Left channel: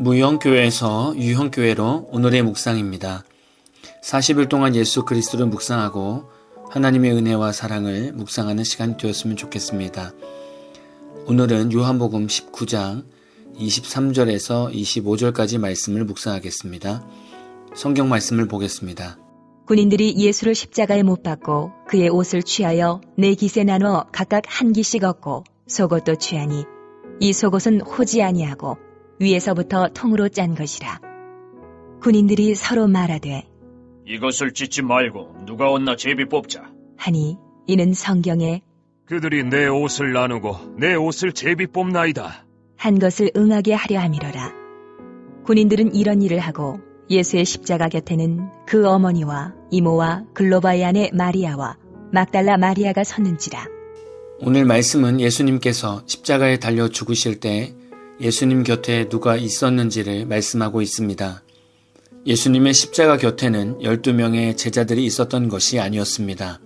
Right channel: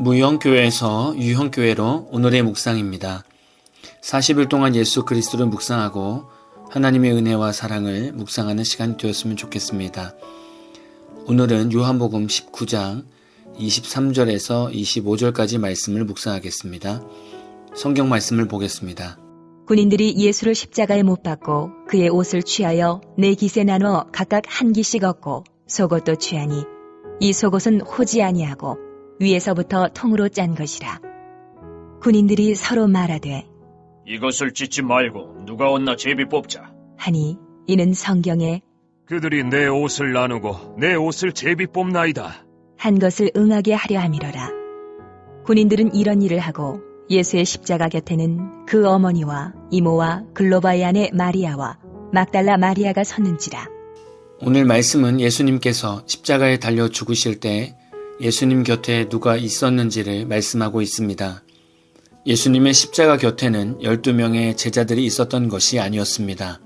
무형교회에서 유형교회로 오늘의 묵상입니다. 40일 동안 예수 그리스도를 묵상하고 하나님의 은혜와 사랑을 묵상하는 시간이 되었으면 좋겠습니다. 오늘은 요한복음 19장 23절에서 25절까지 말씀을 묵상하겠습니다. 성경 말씀을 보겠습니다. 군인들이 예수를 십자가에 못 박고 그의 옷을 취하여 네 깃에 나눠 각각 한 깃씩 얻고 속옷도 취하니 이 속옷은 호지 아니하고 위에서부터 통으로 짠 것이라. 군인들이 서로 말하되 이것을 찢지 말고 누가 얻나 제비 뽑자 하니 이는 성경에 그들이 내 옷을 나누고 내 옷을 제비 뽑나이다 한 것을 응하게 하려 함이로라. 군인들은 이런 일을 하고 예수의 십자가 곁에는 그 어머니와 이모와 글로바의 아내 마리아와 막달라 마리아가 섰는지라. 오늘 말씀은 예수님께서 십자가에 달려 죽으실 때 예수님 곁에 누가 있었는지를 말씀하고 있습니다. 예수님의 십자가 곁에는 12명의 제자들이 있었던 것이 아니었습니다.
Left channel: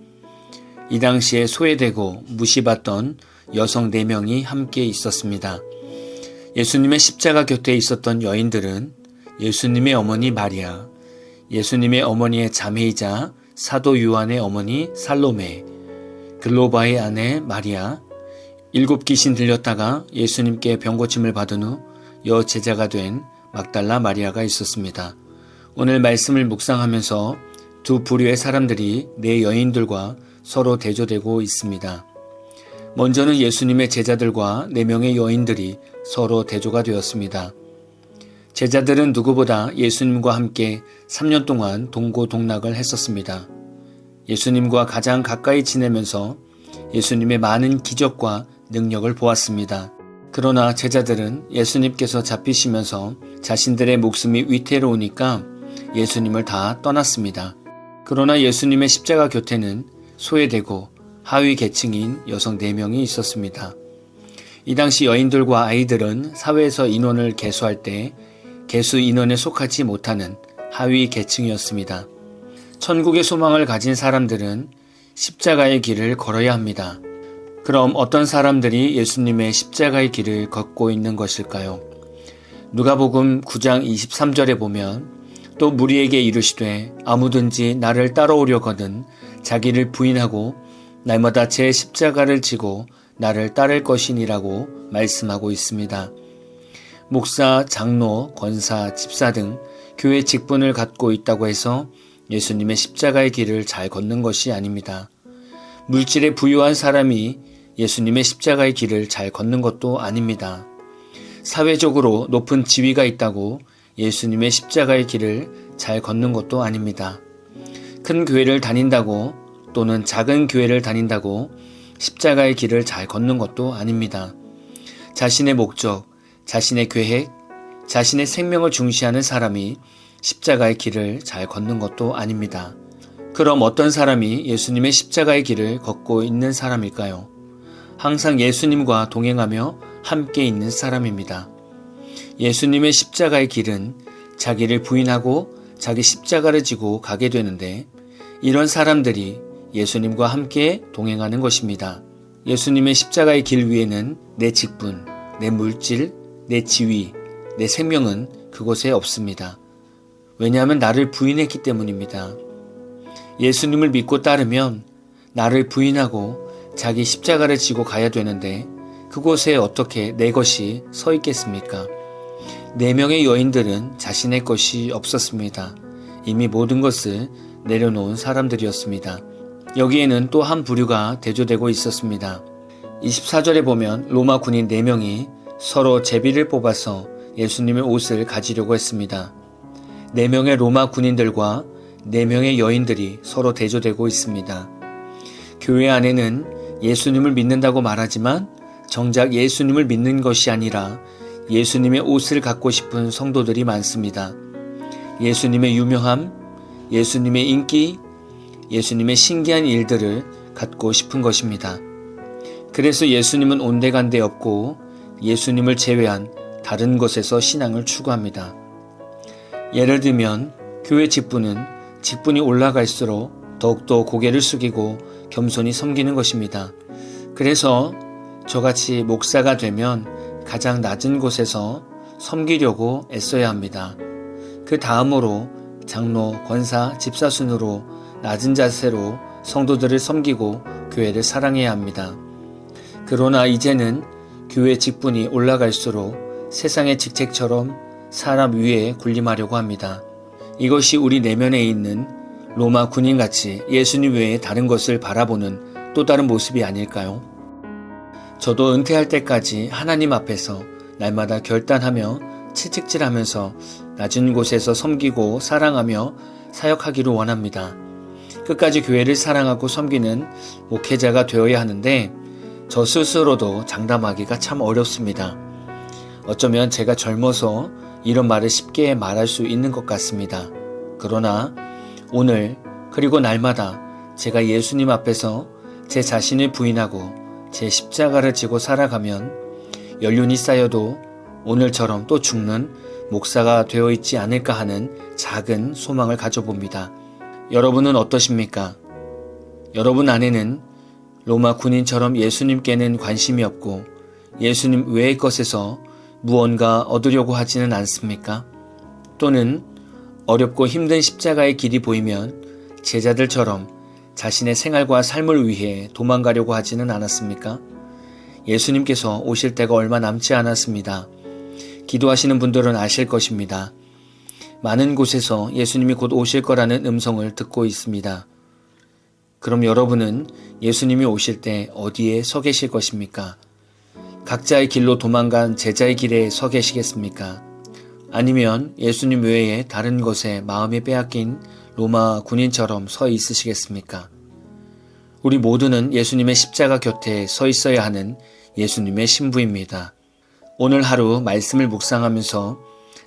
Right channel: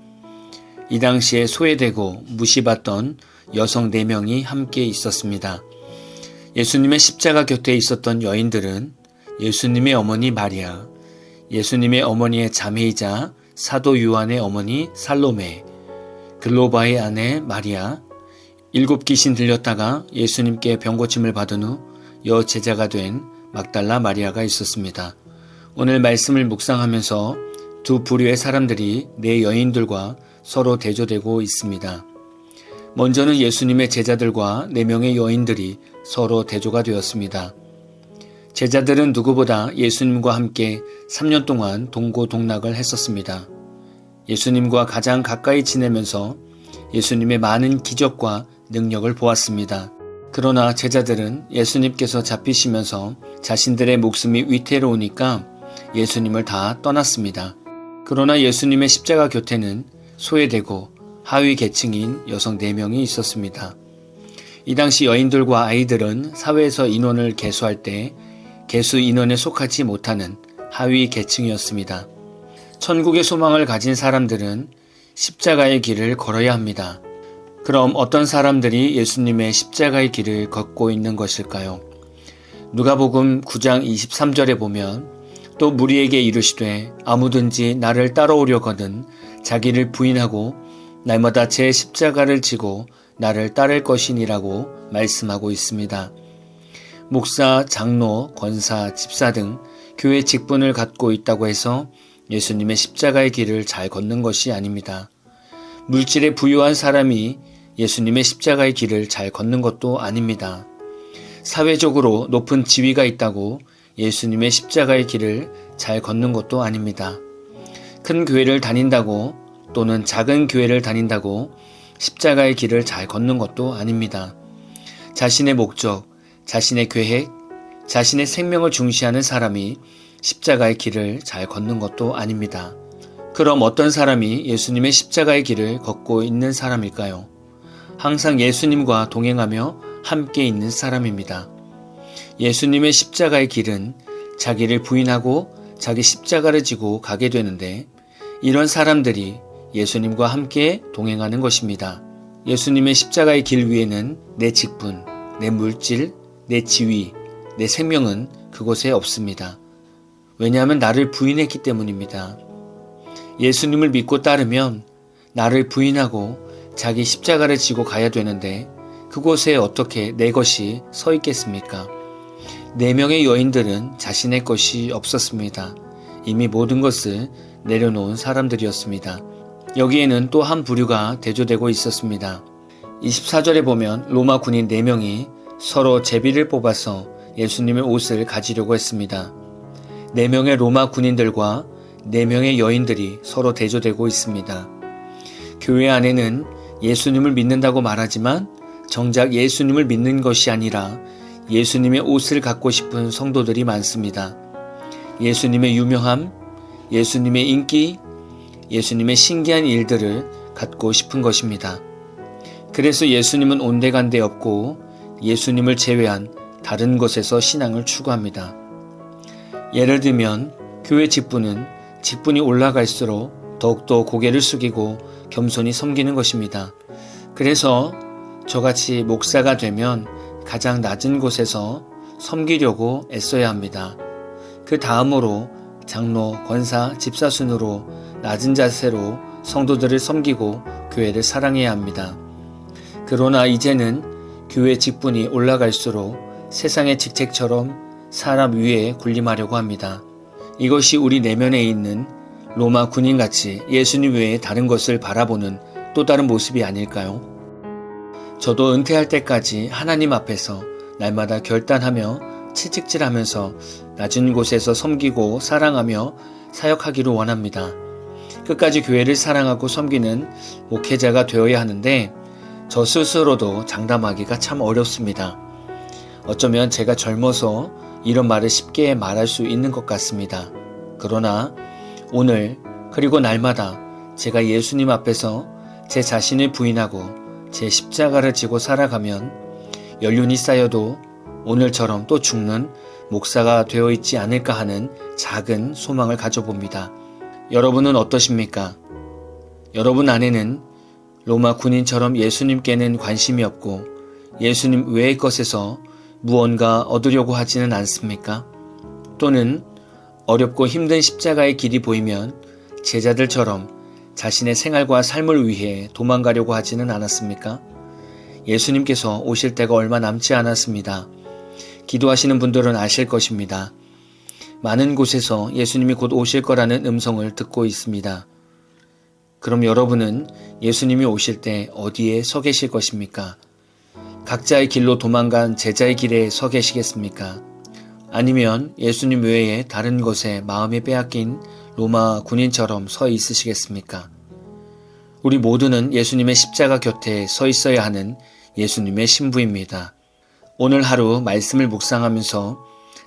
이 당시에 소외되고 무시받던 여성 4명이 함께 있었습니다. 예수님의 십자가 곁에 있었던 여인들은 예수님의 어머니 마리아, 예수님의 어머니의 자매이자 사도 요한의 어머니 살로메, 글로바의 아내 마리아, 7 귀신 들렸다가 예수님께 병고침을 받은 후 여제자가 된 막달라 마리아가 있었습니다. 오늘 말씀을 묵상하면서 두 부류의 사람들이 네 여인들과 서로 대조되고 있습니다. 먼저는 예수님의 제자들과 4명의 여인들이 서로 대조가 되었습니다. 제자들은 누구보다 예수님과 함께 3년 동안 동고동락을 했었습니다. 예수님과 가장 가까이 지내면서 예수님의 많은 기적과 능력을 보았습니다. 그러나 제자들은 예수님께서 잡히시면서 자신들의 목숨이 위태로우니까 예수님을 다 떠났습니다. 그러나 예수님의 십자가 곁에는 소외되고 하위 계층인 여성 4명이 있었습니다. 이 당시 여인들과 아이들은 사회에서 인원을 계수할 때 계수 인원에 속하지 못하는 하위 계층이었습니다. 천국의 소망을 가진 사람들은 십자가의 길을 걸어야 합니다. 그럼 어떤 사람들이 예수님의 십자가의 길을 걷고 있는 것일까요? 누가복음 9장 23절에 보면 또 무리에게 이르시되 아무든지 나를 따라오려거든 자기를 부인하고 날마다 제 십자가를 지고 나를 따를 것이니라고 말씀하고 있습니다. 목사, 장로, 권사, 집사 등 교회 직분을 갖고 있다고 해서 예수님의 십자가의 길을 잘 걷는 것이 아닙니다. 물질에 부유한 사람이 예수님의 십자가의 길을 잘 걷는 것도 아닙니다. 사회적으로 높은 지위가 있다고 예수님의 십자가의 길을 잘 걷는 것도 아닙니다. 큰 교회를 다닌다고 또는 작은 교회를 다닌다고 십자가의 길을 잘 걷는 것도 아닙니다. 자신의 목적, 자신의 계획, 자신의 생명을 중시하는 사람이 십자가의 길을 잘 걷는 것도 아닙니다. 그럼 어떤 사람이 예수님의 십자가의 길을 걷고 있는 사람일까요? 항상 예수님과 동행하며 함께 있는 사람입니다. 예수님의 십자가의 길은 자기를 부인하고 자기 십자가를 지고 가게 되는데 이런 사람들이 예수님과 함께 동행하는 것입니다. 예수님의 십자가의 길 위에는 내 직분, 내 물질, 내 지위, 내 생명은 그곳에 없습니다. 왜냐하면 나를 부인했기 때문입니다. 예수님을 믿고 따르면 나를 부인하고 자기 십자가를 지고 가야 되는데 그곳에 어떻게 내 것이 서 있겠습니까? 4명의 여인들은 자신의 것이 없었습니다. 이미 모든 것을 내려놓은 사람들이었습니다. 여기에는 또 한 부류가 대조되고 있었습니다. 24절에 보면 로마 군인 4명이 서로 제비를 뽑아서 예수님의 옷을 가지려고 했습니다. 4명의 로마 군인들과 4명의 여인들이 서로 대조되고 있습니다. 교회 안에는 예수님을 믿는다고 말하지만 정작 예수님을 믿는 것이 아니라 예수님의 옷을 갖고 싶은 성도들이 많습니다. 예수님의 유명함, 예수님의 인기, 예수님의 신기한 일들을 갖고 싶은 것입니다. 그래서 예수님은 온데간데 없고 예수님을 제외한 다른 것에서 신앙을 추구합니다. 예를 들면 교회 직분이 올라갈수록 더욱더 고개를 숙이고 겸손히 섬기는 것입니다. 그래서 저같이 목사가 되면 가장 낮은 곳에서 섬기려고 애써야 합니다. 그 다음으로 장로, 권사, 집사 순으로 낮은 자세로 성도들을 섬기고 교회를 사랑해야 합니다. 그러나 이제는 교회 직분이 올라갈수록 세상의 직책처럼 사람 위에 군림하려고 합니다. 이것이 우리 내면에 있는 로마 군인같이 예수님 외에 다른 것을 바라보는 또 다른 모습이 아닐까요? 저도 은퇴할 때까지 하나님 앞에서 날마다 결단하며 채찍질하면서 낮은 곳에서 섬기고 사랑하며 사역하기를 원합니다. 끝까지 교회를 사랑하고 섬기는 목회자가 되어야 하는데 저 스스로도 장담하기가 참 어렵습니다. 어쩌면 제가 젊어서 이런 말을 쉽게 말할 수 있는 것 같습니다. 그러나 오늘 그리고 날마다 제가 예수님 앞에서 제 자신을 부인하고 제 십자가를 지고 살아가면 연륜이 쌓여도 오늘처럼 또 죽는 목사가 되어 있지 않을까 하는 작은 소망을 가져봅니다. 여러분은 어떠십니까? 여러분 안에는 로마 군인처럼 예수님께는 관심이 없고 예수님 외의 것에서 무언가 얻으려고 하지는 않습니까? 또는 어렵고 힘든 십자가의 길이 보이면 제자들처럼 자신의 생활과 삶을 위해 도망가려고 하지는 않았습니까? 예수님께서 오실 때가 얼마 남지 않았습니다. 기도하시는 분들은 아실 것입니다. 많은 곳에서 예수님이 곧 오실 거라는 음성을 듣고 있습니다. 그럼 여러분은 예수님이 오실 때 어디에 서 계실 것입니까? 각자의 길로 도망간 제자의 길에 서 계시겠습니까? 아니면 예수님 외에 다른 것에 마음이 빼앗긴 로마 군인처럼 서 있으시겠습니까? 우리 모두는 예수님의 십자가 곁에 서 있어야 하는 예수님의 신부입니다. 오늘 하루 말씀을 묵상하면서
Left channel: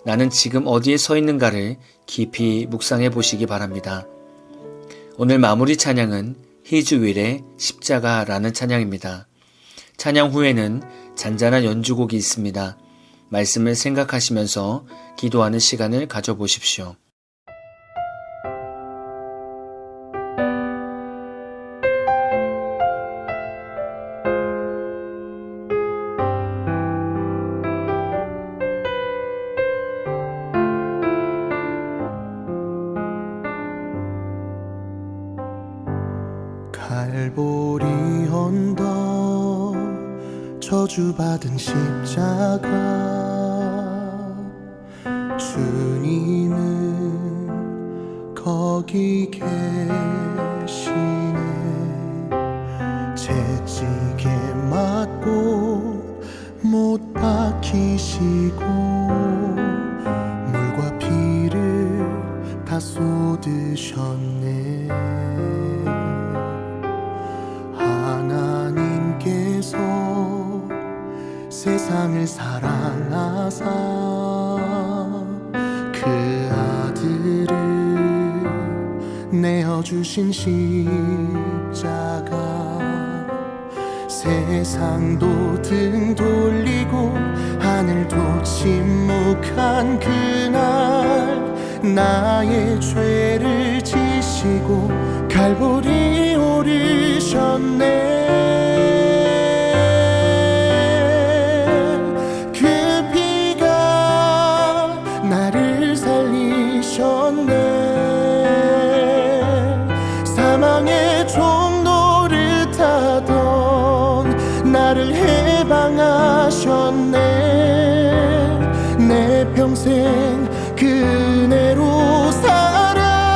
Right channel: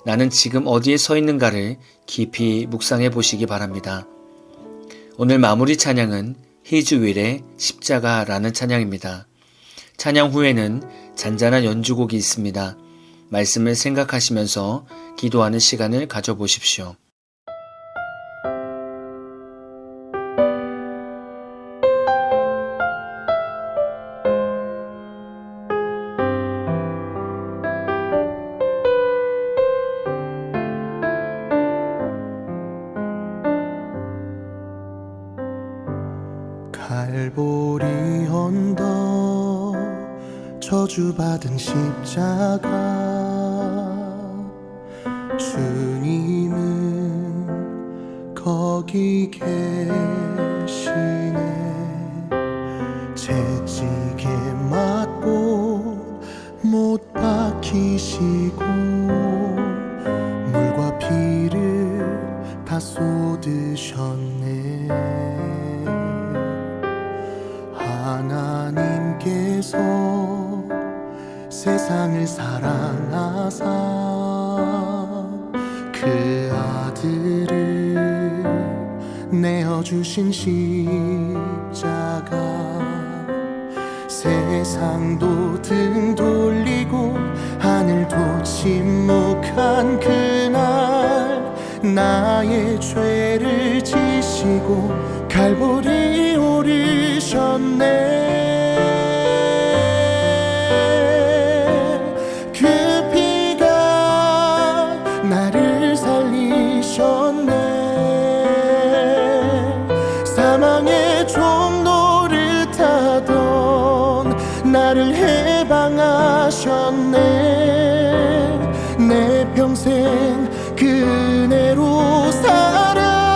나는 지금 어디에 서 있는가를 깊이 묵상해 보시기 바랍니다. 오늘 마무리 찬양은 히즈윌의 십자가라는 찬양입니다. 찬양 후에는 잔잔한 연주곡이 있습니다. 말씀을 생각하시면서 기도하는 시간을 가져보십시오. 갈보리 언덕 저주받은 십자가 주님은 거기 계시네 채찍에 맞고 못 박히시고 물과 피를 다 쏟으셨네 하나님께서 세상을 사랑하사 그 아들을 내어주신 십자가 세상도 등 돌리고 하늘도 침묵한 그날 나의 죄를 지시고 갈보리 오르셨네 그 피가 나를 살리셨네 사망의 종 노릇하던 나를 해방하셨네 내 평생 그 은혜로 살아가리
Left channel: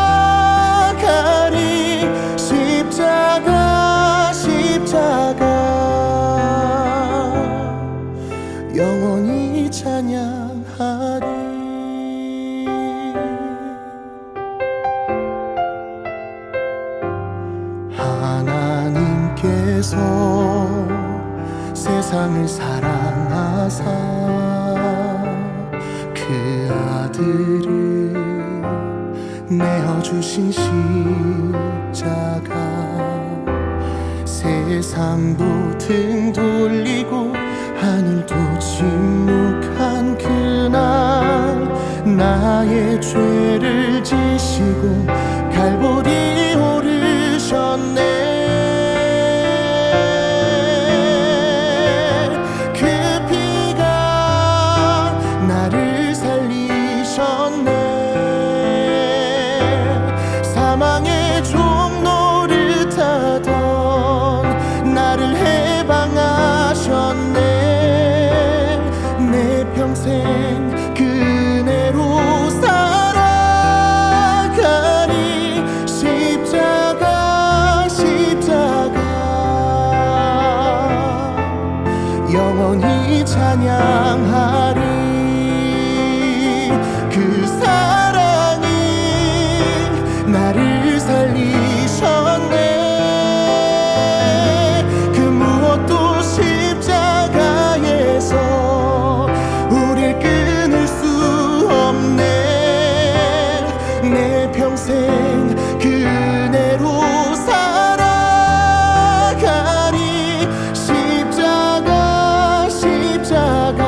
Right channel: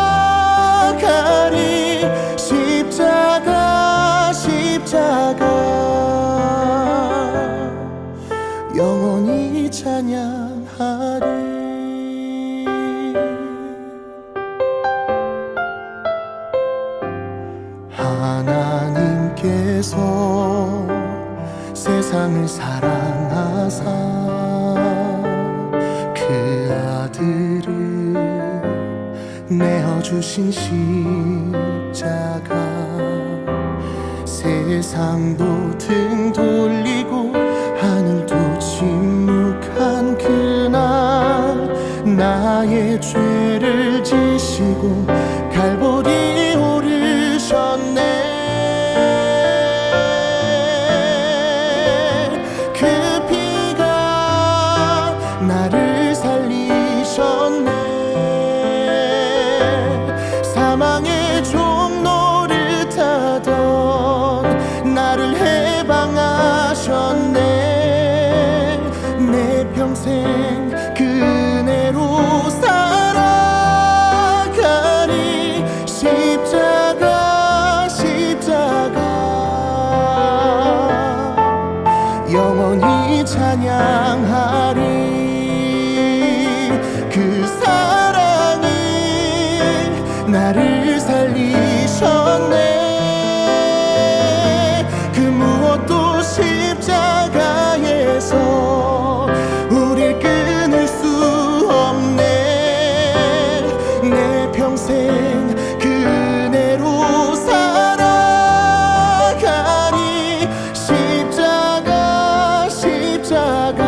십자가 영원히 찬양하리 하나님께서 세상을 사랑하사 그 아들을 내어주신 십자가 세상도 등 돌리고 하늘도 침묵한 그날 나의 죄를 지시고 갈보리 오르셨네 영원히 찬양하리. 그 사랑이 나를 살리셨네. 그 무엇도 십자가에서 우릴 끊을 수 없네. 내 평생 그 은혜로 살아가리. 십자가 십자가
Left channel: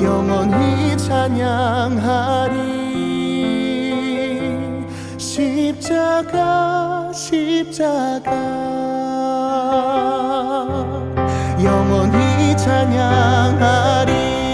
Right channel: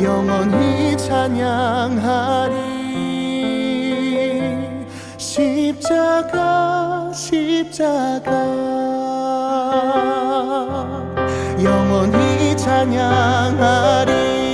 영원히 찬양하리. 십자가 십자가 영원히 찬양하리.